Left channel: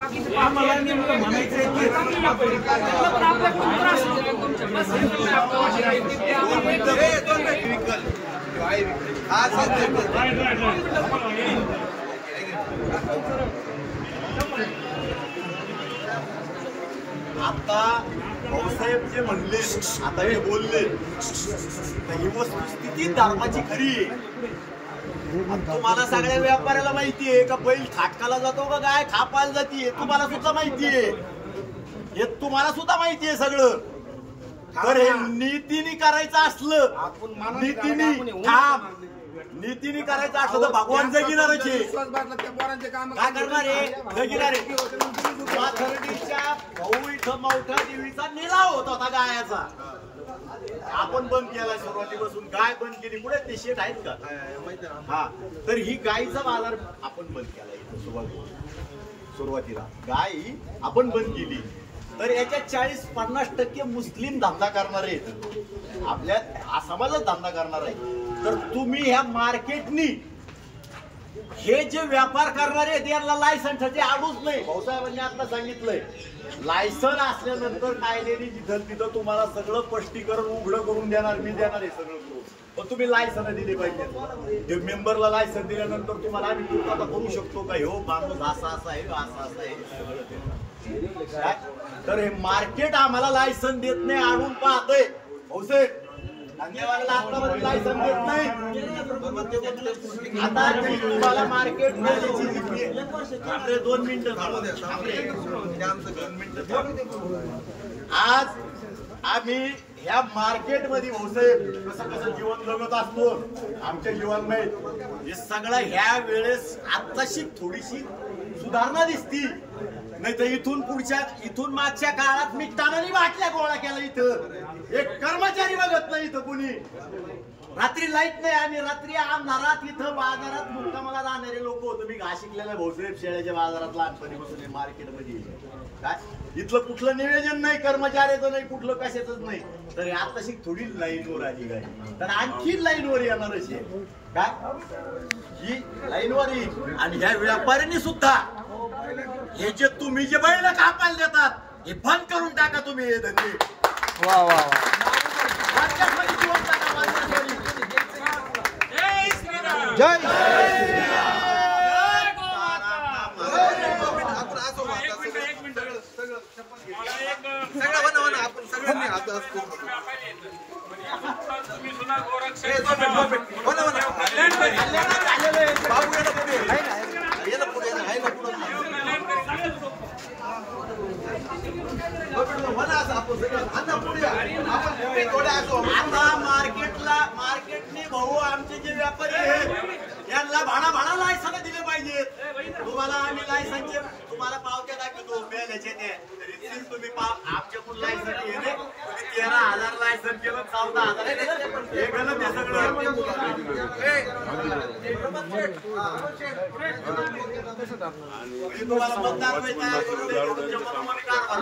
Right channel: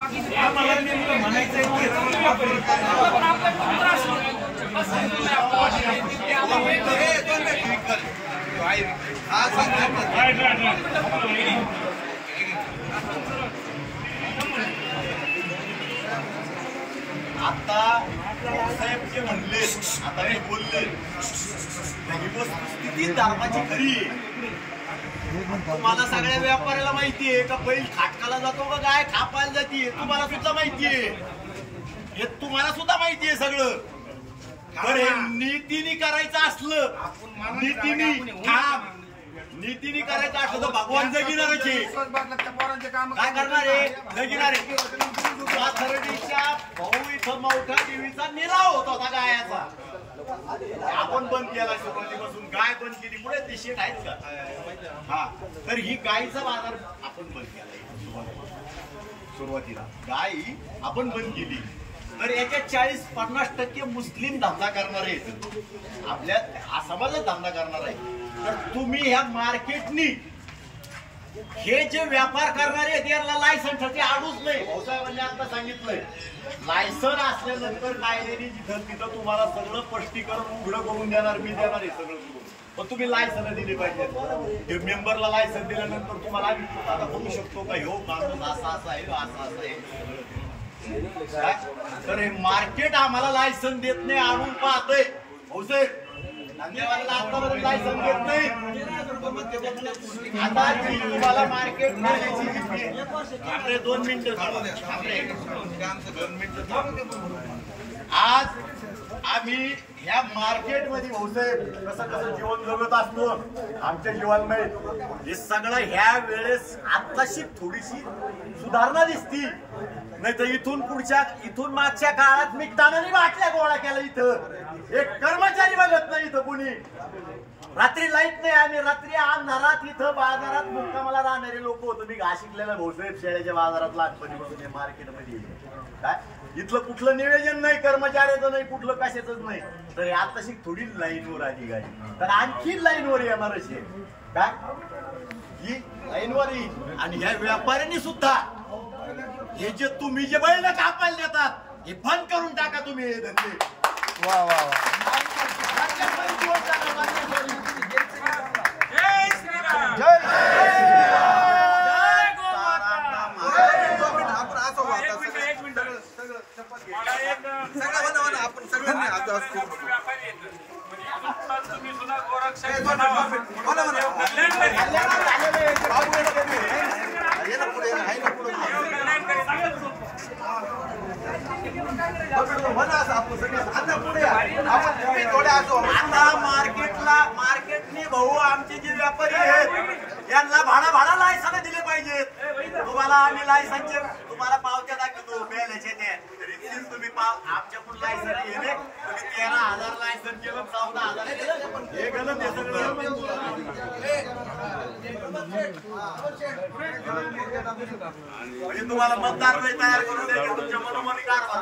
आम्हाला नेमकं म्हणायचं आता भाऊसाहेब जे म्हणले, आता हे बोलले, ही वस्तुस्थिती धर्माची खरी आहे. तुम्हाला सगळ्या व्यापाऱ्याला माहितीये का बैल खाटकाला जातो का गाय खापायला जाते, तुम्हाला सुद्धा माहितीये. हे तुम्हाला सुद्धा माहितीये सगळं. तर हे नीतीने करायचं असलं, नीतीने करायचं असलं तर भगवान जगिनारच आहे. काय करणार आहे? जगिनार आहे. थर्डीच्या भाऊ इथं मोठा देवीचा निलाव होता गायाचा. आपण बंद केला सुरुवातीपासून. गाय बंद केली. पुढे ते शेत आहेत का? हा. तर ही गायीचा बाजार आपण बंद केला इथं सुरुवातीला. गाय आपण बंद केली. तर याच्या 40-50% मुस्लिम धंदा करणारे आहेत. आपल्या हा समाजात धंदा करणार आहे. तर तुम्ही ह्या मार्केटनी हे जे व्यापार करणारे आहेत यांना लायसन्सची आडूच नाही. भाऊसाहेबांनी आता सांगितलंय लायसन असल्यानंतर कायद्याने जिथं तिथं तुम्हाला सगळं स्पष्टीकरण उघडं करून देणार. मी देणार आहे सगळं करून. पण तुम्ही लायसन दिले पाहिजे. मेंबरला लायसन दिल्यानंतर तुम्हाला आम्ही पूर्तता करू शकतो का हो माणूस असा असा आहे असं आहे सगळं काय. तर हे मार्केट आम्हाला लायसन देत नाही. आणून पाहतोय भाऊसाहेब धंदेवाल्याला आतापर्यंत लायसन देत नाही. आता तुम्हाला मार्केट आपले 2 मिनिटं 2 मिनिटं. आज आम्ही ह्या मार्केटमध्ये भाऊसाहेब कसं जीवन जगत असतो आमच्या जीवनमय. हे सगळं ह्या वेळेस आताशी थोडीशी सुधारणा दिसती. नाही तर इथून मागच्या काळात मी टाणानी बाटल्या गोळा केला. इथं एक कर्मचारी बघत नाही. इथं कुणी रात्री लाईट नाही. आम्ही रात्री अंधारात इथं बाजारात मुक्कामाला राहणारे लोक होतो. मी घास शिकलेला भाऊसाहेब शेळ्याच्या बाजारात लहानपणीपासून हे मार्केटमध्ये काय इथलं कुठलं नियोजन नाही. कर्मचाऱ्याचं नाही, कुठलं कशाच नाही. तर आताशी थोडी लाईनवर आली गाडी. तर आणखी लाईनवर येणार अशी काय ही लाईनवर येईल. आणि ह्या व्यापाऱ्यांनी सुद्धा हे जे तुम्ही जे बैल कापायला देतात हे बंद करून टाका. तुम्ही हे धंदे जीवन टाका. जय श्रीराम. जय आपण असं आपण सगळ्यांनी तुम्ही सुद्धा मार्केटने भाऊ आमचे जे व्यापारी आहेत यांना भाडा लायसन दिले पाहिजेत. तुम्हाला आम्ही लायसनचे तुम्हाला पावत्या दाखवतो मेल्याचे ते रिसिव्ह तुम्ही आमच्याकडून लायसन घेणे. तुम्ही 13,000 लायसन केलं 14,000 हे गलत आहे सगळं. म्हणजे तुम्हाला मतदार तयार करून द्या तुमच्या मनोमनी कारभार.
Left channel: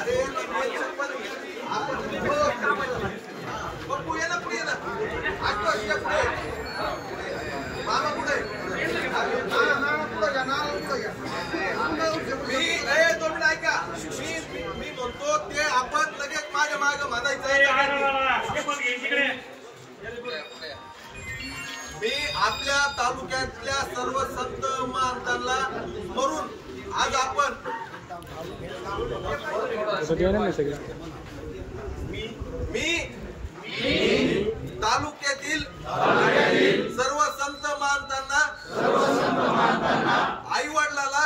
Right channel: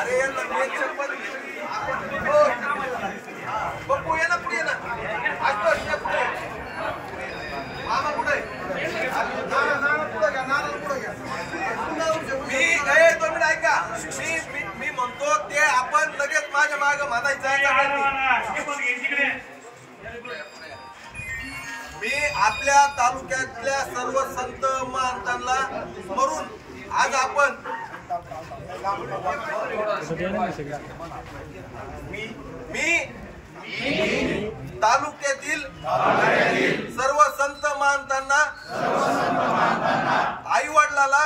अरे पुढे मामा पुढे ऐका. मी म्हणतो ते आपण लगेच माझ्या माग म्हणायचं. मी आपल्या तालुक्यातल्या सर्व संत महंतांना स्मरून आज आपण मी तालुक्यातील सर्व संत महंतांना आई वडिलाला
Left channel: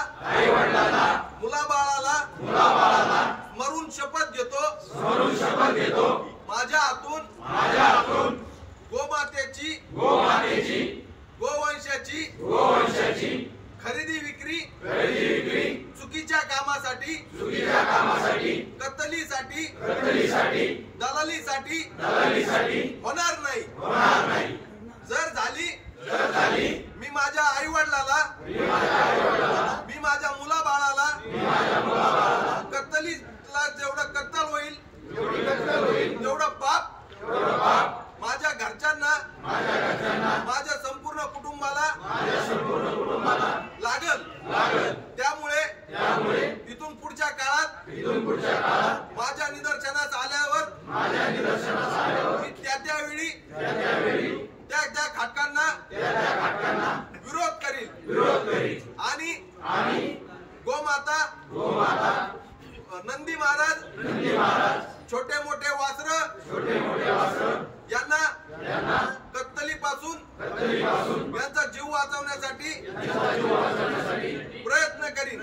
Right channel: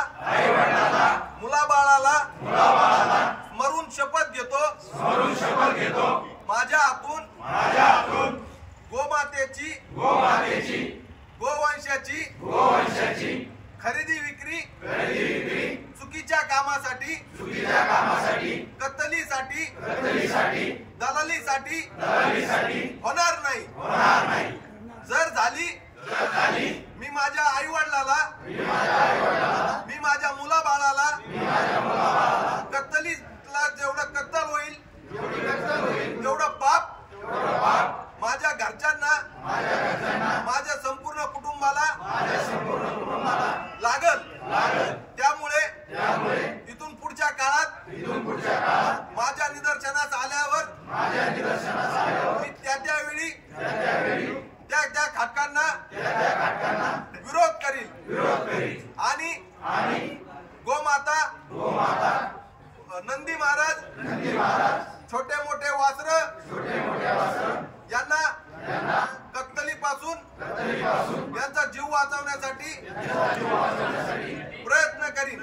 मुलाबाळाला स्मरून शपथ घेतो. माझ्या हातून गोमातेची गोवंशाची खरेदी विक्री चुकीच्या कामासाठी कत्तलीसाठी दलालीसाठी होणार नाही. जर झाली मी माझ्या आई वडिलाला मी माझ्या मुलाबाळाला कत्तलीला जेवढं कत्तल होईल तेवढं पाप मोठे वासर यांना कत्तलीपासून यांचा जीव वाचवण्यासाठी प्रयत्न करीन.